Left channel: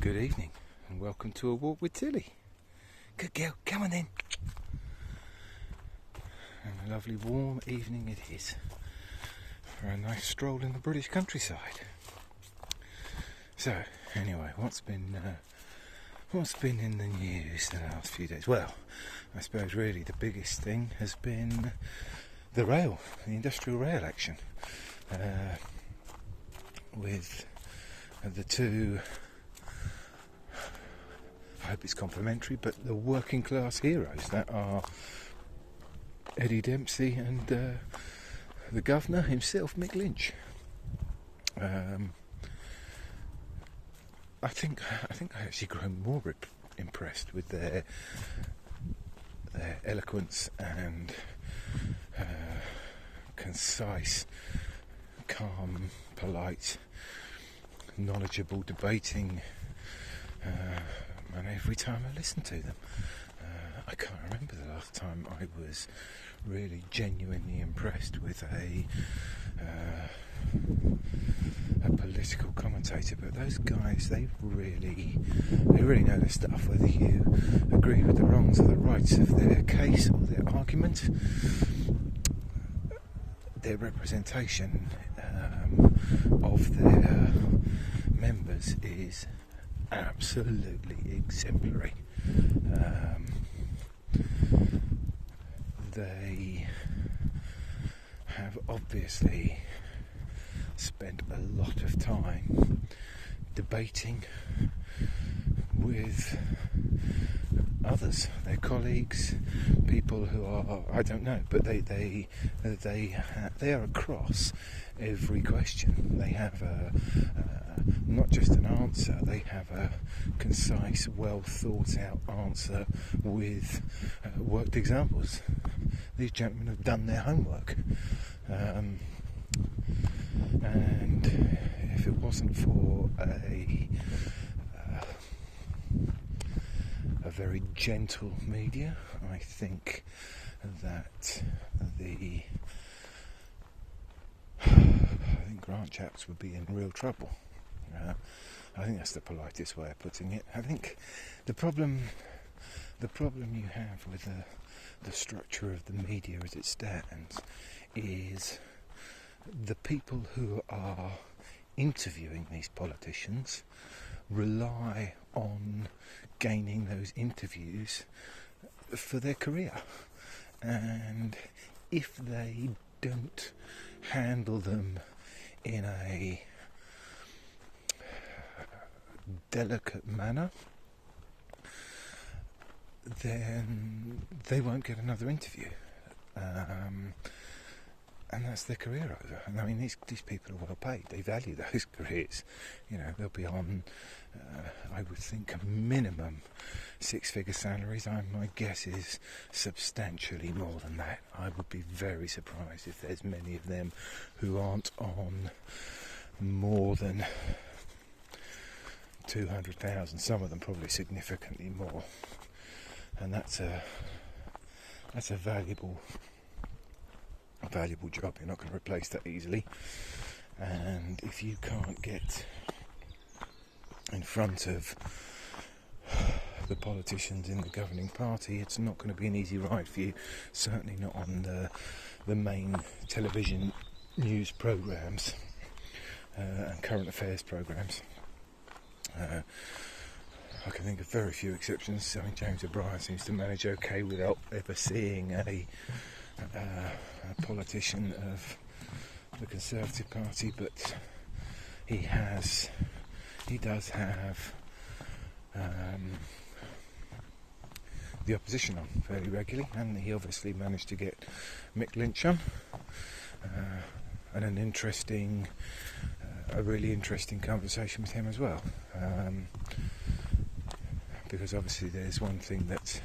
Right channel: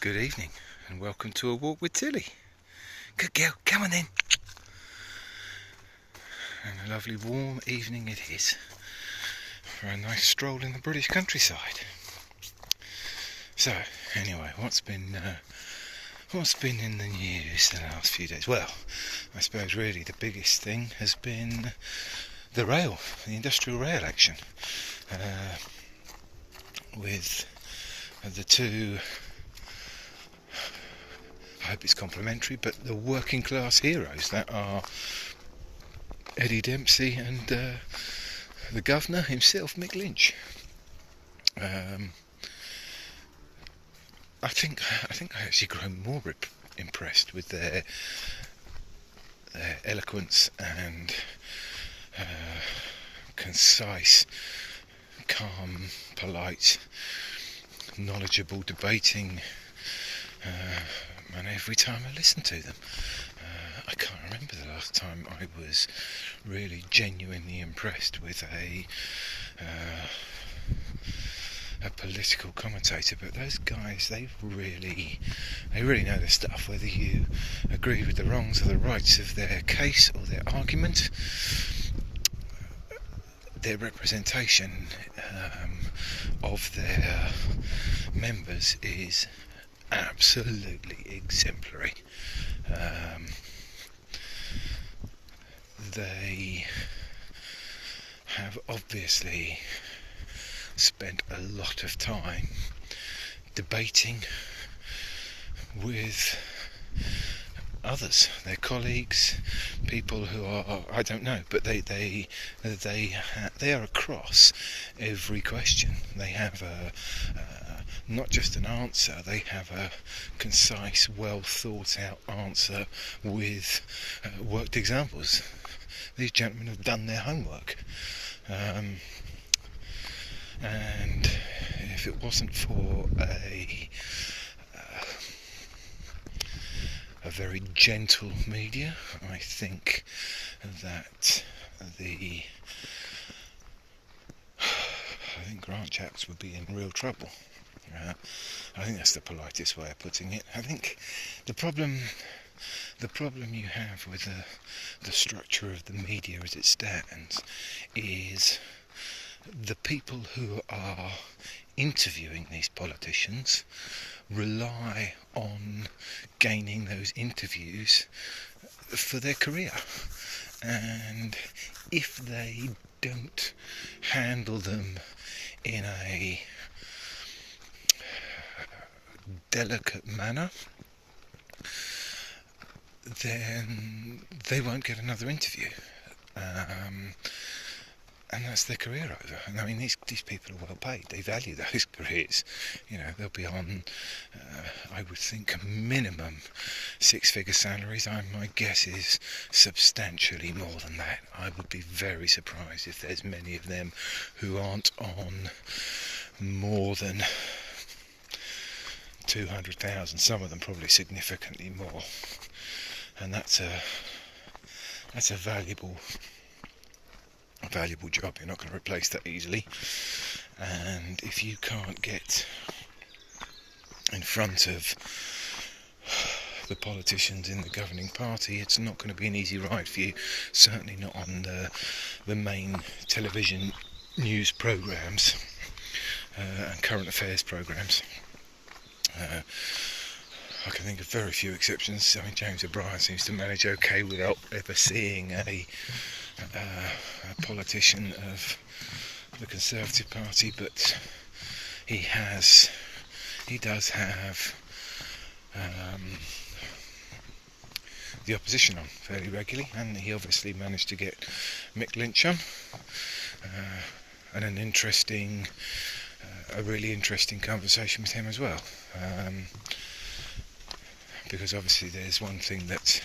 Good evening and welcome to A Walk with Tilly. Good girl, come on then. And a lovely warm evening it is for a nice stroll in the British countryside. So, anyway, what's been in the news the last few days? Well, I suppose really the biggest thing has been the industrial rail action, with the two, I hope it's complimentary, but the working class heroes that are Eddie Dempsey and the governor himself, Mick Lynch. I think I actually grow more impressed with their eloquence and concise, calm, polite, knowledgeable debating, and every time I listen to them, I can't remember the last time I was really genuinely impressed with a political commentator. But those guys, they really know their stuff, whether you agree with the wrongs or the rights of their case or their argument. Their representation of their members is absolutely exemplary. They have obviously spent a lot of time debating with others, their colleagues, people who are, I don't know, but they are across every question. They have not just an answer, they have a concise, well thought out answer with worked examples. These gentlemen have done their homework, and if it wasn't for a very gentle media, I think that Grant chaps would be in real trouble. I think that's the politest way of putting it. I think the problem you have with the structure of the media as it stands is the people who are interviewing these politicians rely on gaining those interviews for their career, and if they don't handle them in a delicate manner, then they won't get another interview, and that's their career over. And I mean, these people are well paid. They value those careers. You know, they'll be on, I would think, minimum six-figure salaries. My guess is substantially more than that. I would be very surprised if there's many of them who aren't on more than 200,000. Some of them probably significantly more. And that's a valuable job. You're not going to replace that easily, and if you can't get in front of the politicians in the governing party, it's not going to be an easy ride for you, certainly not on the main television news programmes and current affairs programmes. I can think of very few exceptions. I mean, James O'Brien seems to manage okay without ever seeing a politician of the Conservative Party, but he does have the opposition on fairly regularly, and he obviously managed to get Mick Lynch on, and a really interesting conversation with him as well, because obviously there's one thing that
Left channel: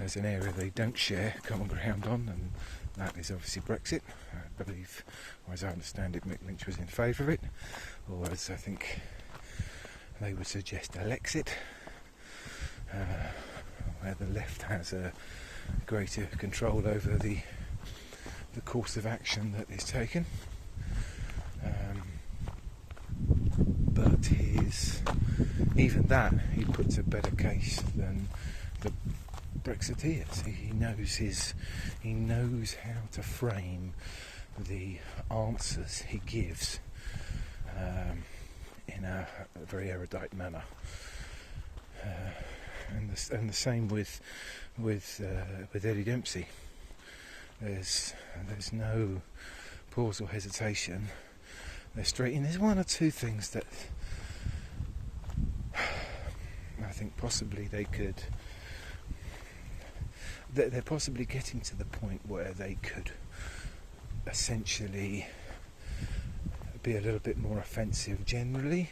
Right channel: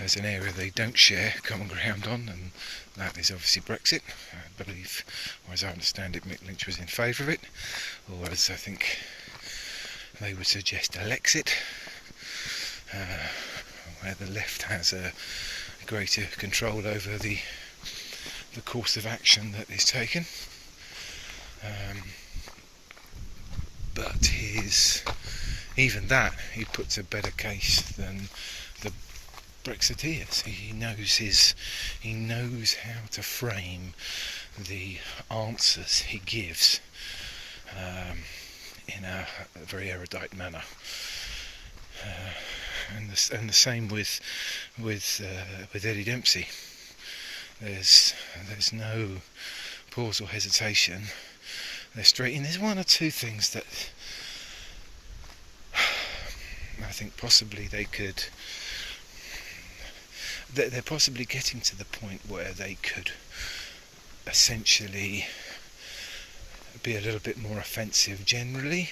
as an area they don't share common ground on, and that is obviously Brexit. I believe, or as I understand it, Mick Lynch was in favour of it, or as I think they would suggest, Alexit, where the left has a greater control over the course of action that is taken. But his even that, he puts a better case than the Brexiteers. He knows how to frame the answers he gives in a very erudite manner. And the same with Eddie Dempsey. There's no pause or hesitation. They're straight in. There's one or two things that I think possibly they could. They're possibly getting to the point where they could essentially be a little bit more offensive generally.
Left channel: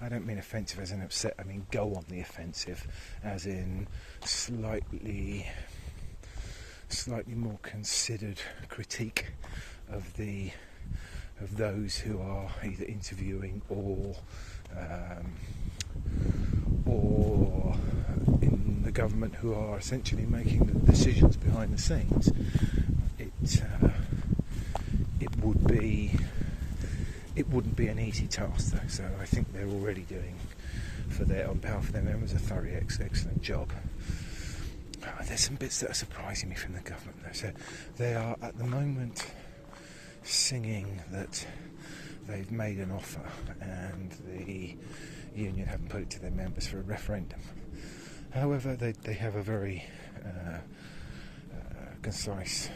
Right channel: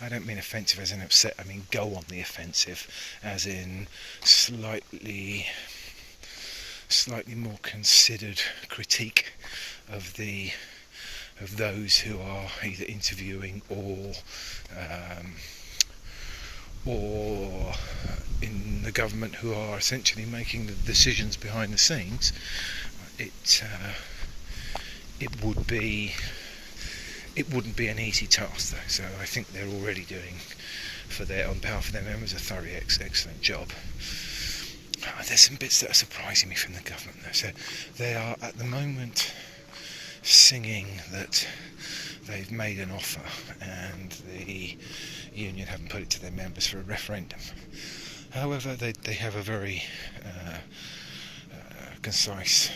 I don't mean offensive as in upset, I mean go on the offensive, as in slightly more considered critique of those who are either interviewing or in the government who are essentially making the decisions behind the scenes. It wouldn't be an easy task though, so I think they're already doing on behalf of their members a thoroughly excellent job. There's some bits that are surprising me from the government though. So they are at the moment singing that they've made an offer and the union haven't put it to their members for a referendum. However, they have a very concise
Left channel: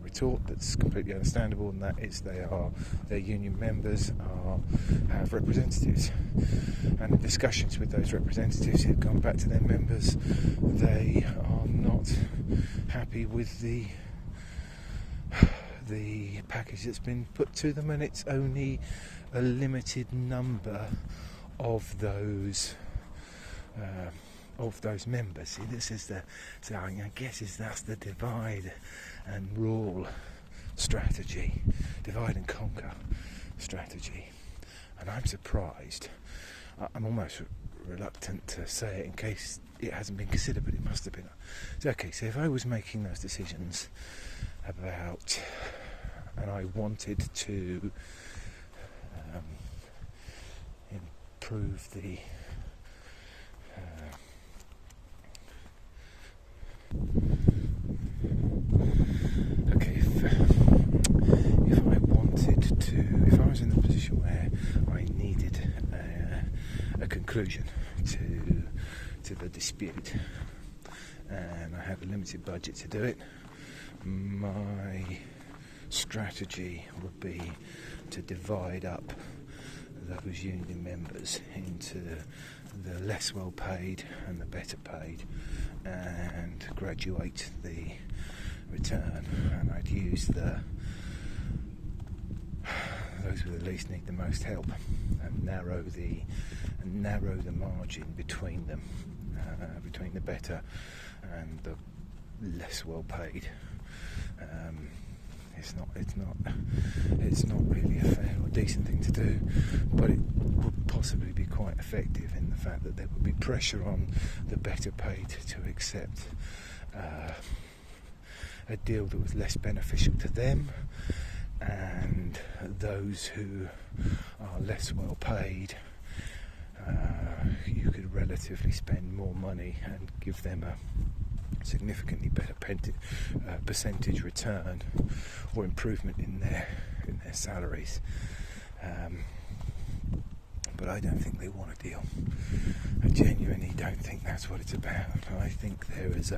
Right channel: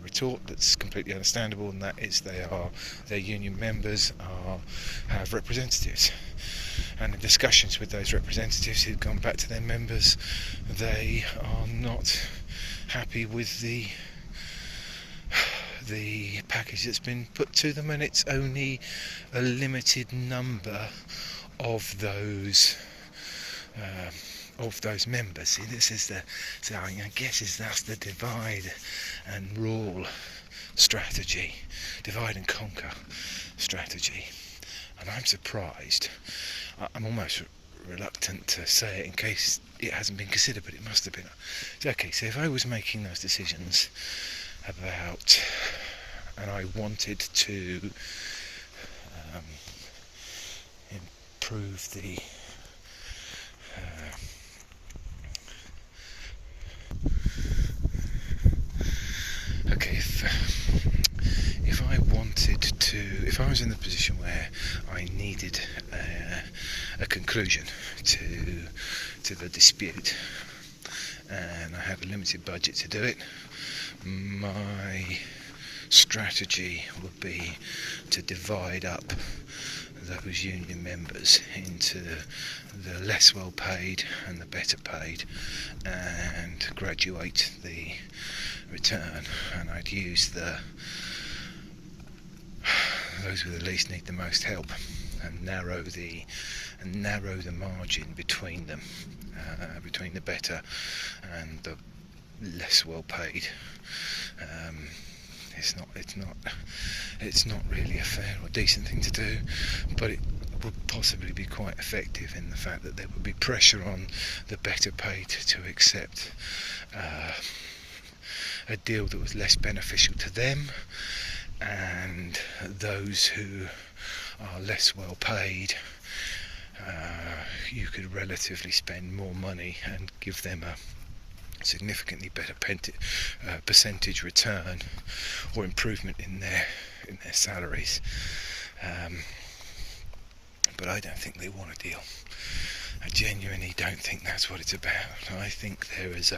retort that's completely understandable, and that is their union members have representatives, and in discussions with those representatives who've gone back to their members, they are not happy with the package that's been put to them, and it's only a limited number of those members. See, this is I guess that's the divide and rule strategy, divide and conquer strategy. And I'm surprised. I'm almost reluctant to say it in case it hasn't been considered, but it must have been. Okay, so if I was making those decisions about, and I wanted to improve the if I was in the position where I needed a conclusion to the dispute and I had a limited budget to do it, my strategy would be to divide up those union members into the less well paid and the better paid, and graduate the return, and I'd use those who the least need the most help, and narrow the margin between them, between the better and the less well paid. It's not really a fair or decent thing to do, but it would possibly be quite effective in the fact that there would be pressure on the better paid to accept a deal that was less beneficial to them, and those who are less well paid, you could relatively spend more money and give them a significantly better percentage return or improvement in their salaries. But I don't think they want a deal. I genuinely don't think that's what it's about. I think there is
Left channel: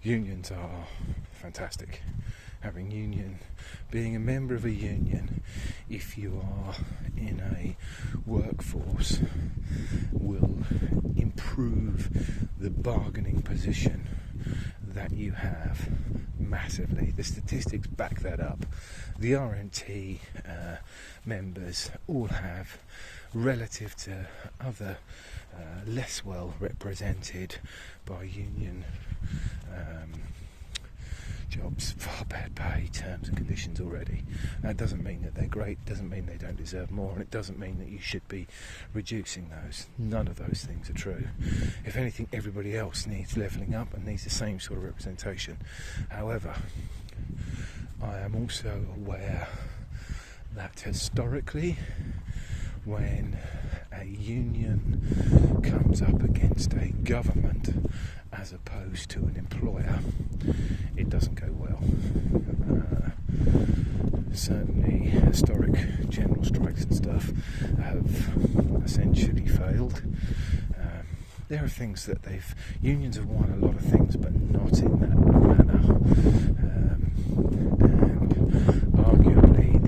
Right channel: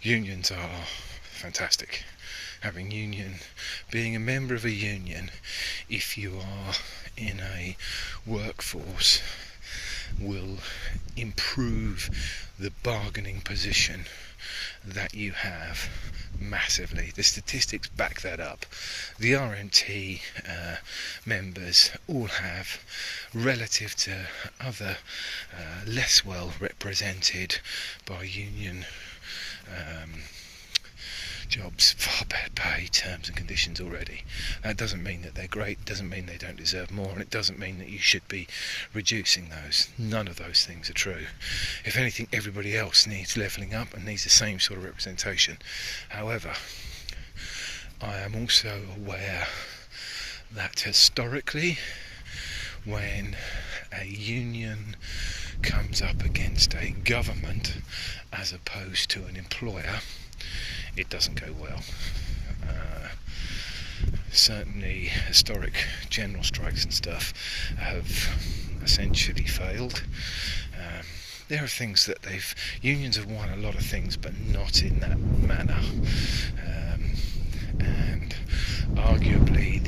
unions are fantastic. Being a member of a union, if you are in a workforce, will improve the bargaining position that you have massively. The statistics back that up. The RMT members all have, relative to other less well represented by union jobs, far better pay, terms and conditions already. That doesn't mean that they're great, doesn't mean they don't deserve more, and it doesn't mean that you should be reducing those. None of those things are true. If anything, everybody else needs levelling up and needs the same sort of representation. However, I am also aware that historically, when a union comes up against a government as opposed to an employer, it doesn't go well. Certainly historic general strikes and stuff have essentially failed. There are things that unions have won a lot of things, but not in that manner. And arguably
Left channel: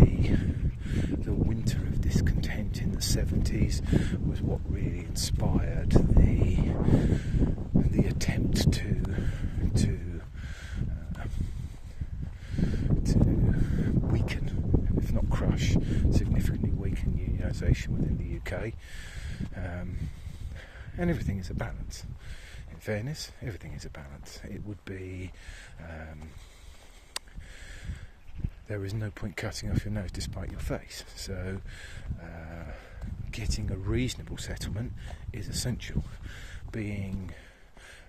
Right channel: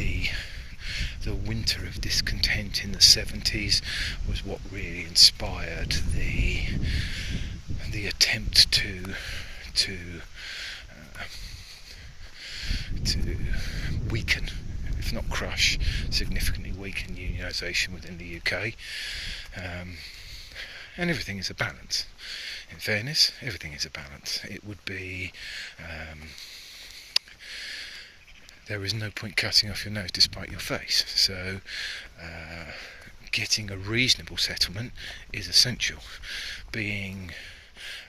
the winter of discontent in the 70s was what really inspired the attempt to weaken, if not crush, significantly weaken unionisation within the UK. And everything is a balance. In fairness, everything is a balance. It would be... there is no point cutting off your nose despite your face. So getting a reasonable settlement is essential.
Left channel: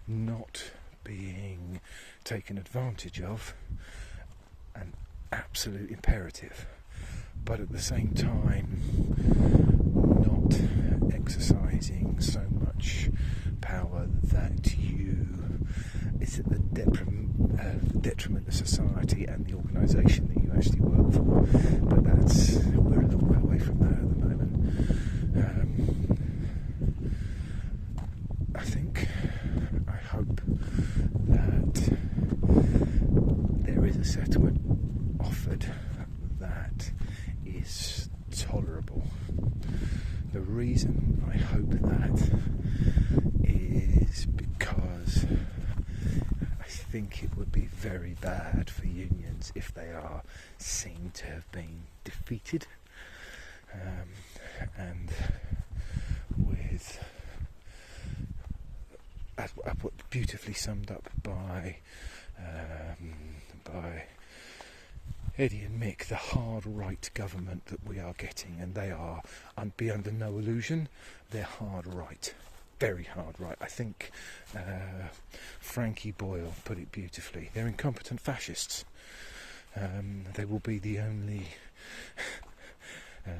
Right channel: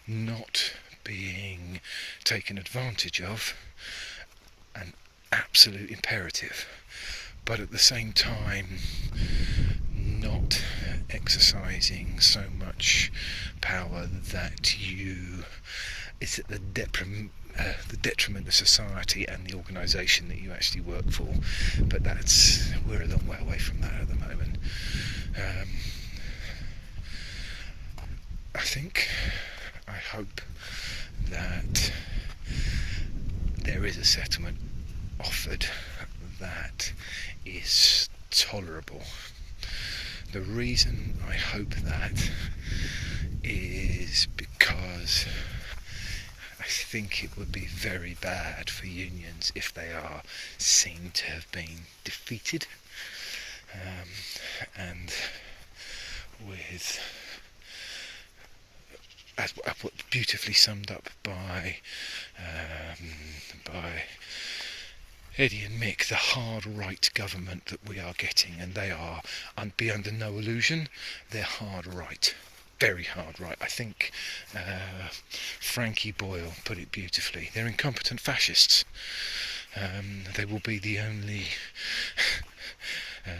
Not being taken advantage of, an absolute imperative. But at the same time, not exercising so much power that it's at the detriment of society and the organisation that you actually work for. But we're a long way away from that at the moment. I hope that there is a settlement offered that is tolerable. The reason I hope that is because I think it would be very bad for unions if they are seen to have been defeated, and with as beautifully summed up by Eddie and Mick, the hard right government that we are getting, and they are, be under no illusion, they're hard right, very hard right. I think Frankie Boyle put it beautifully. They're incompetent fascists. They will be the only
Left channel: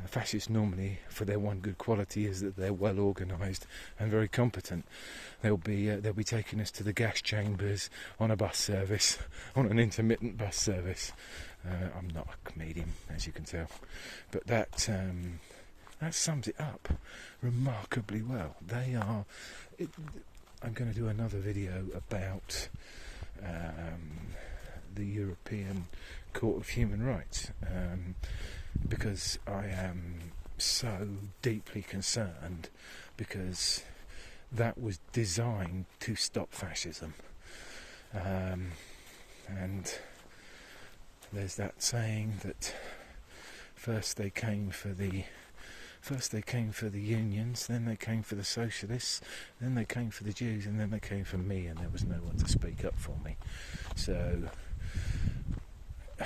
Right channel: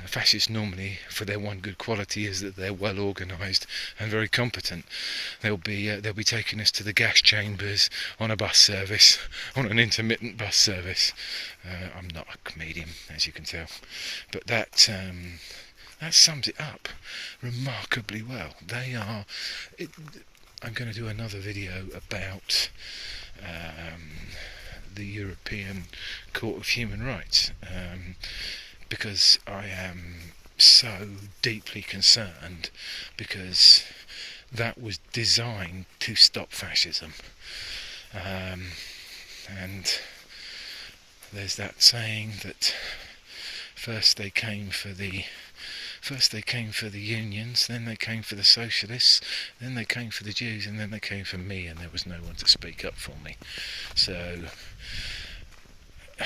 fascists normally, for their one good quality is that they're well organised and very competent. They'll be taking us to the gas chambers on a bus service, on an intermittent bus service. I'm not a comedian, as you can tell, but that sums it up remarkably well. They are. I'm going to do another video about the European Court of Human Rights, because I am so deeply concerned, because that was designed to stop fascism, and there's that saying that first they came for the unions, then they came for the socialists, then they came for the Jews, and then they came for me, and there was no one to speak up for me. So I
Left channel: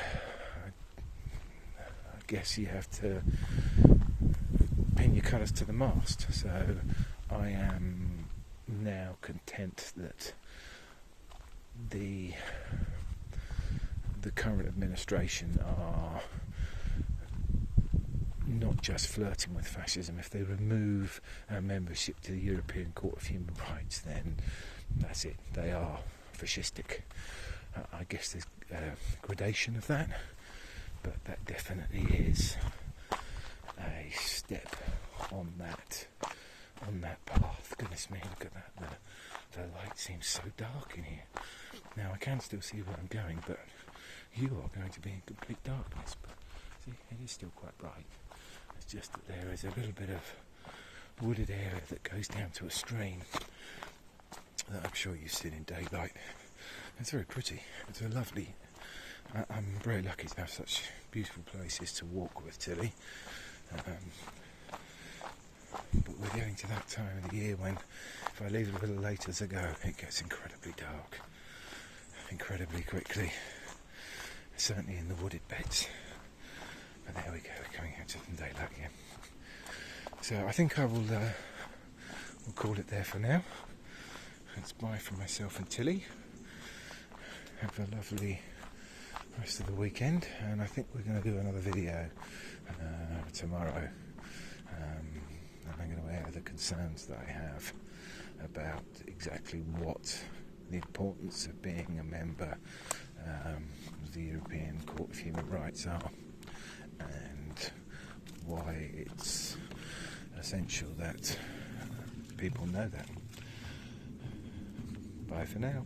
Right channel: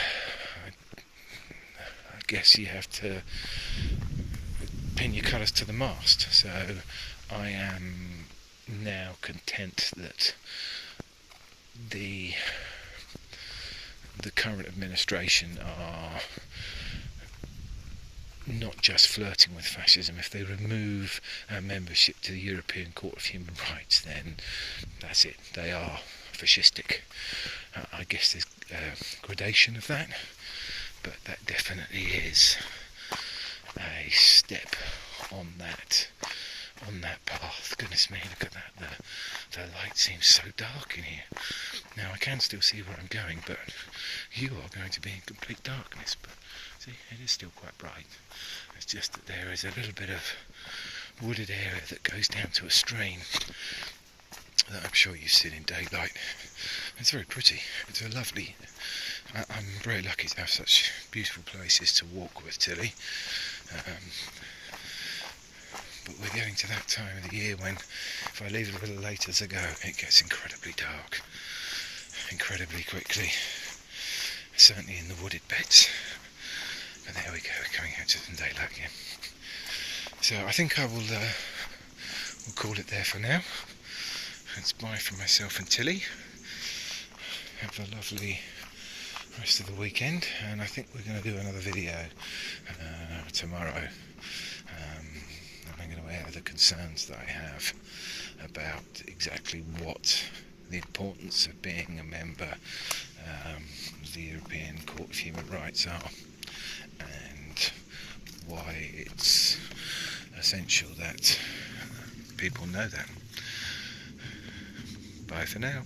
guess you have to pin your colours to the mast. So I am now content that the current administration are not just flirting with fascism. If they remove our membership to the European Court of Human Rights, then that's it. They are fascistic. I guess there's gradation of that, but that definitely is a step on that path. Goodness me, look at that. The light seems so dark in here. Now I can still see where I'm going, but you are going to be in complete darkness. But see, it is still quite bright. It's just that there is a little bit of wooded area that goes down to a stream that I'm sure you've seen in daylight. It's very pretty. It's a lovely... I'm very lucky to have such beautiful places to walk with, Tilly. But we're getting to that time of the year when, if I leave it a little later to go, it gets incredibly dark, incredibly quickly, certainly in the wooded beds. But there we go, we're coming out to some daylight again. So I think I will we'll call it there for now. It's bye from myself and Tilly. Have a lovely rest of the weekend, and I think we're going to do another video tomorrow. And I'm going to air the concerns that I have about exactly what the importance of being a member of the European Court of Human Rights are, and why it's essential that people know that. Bye for now.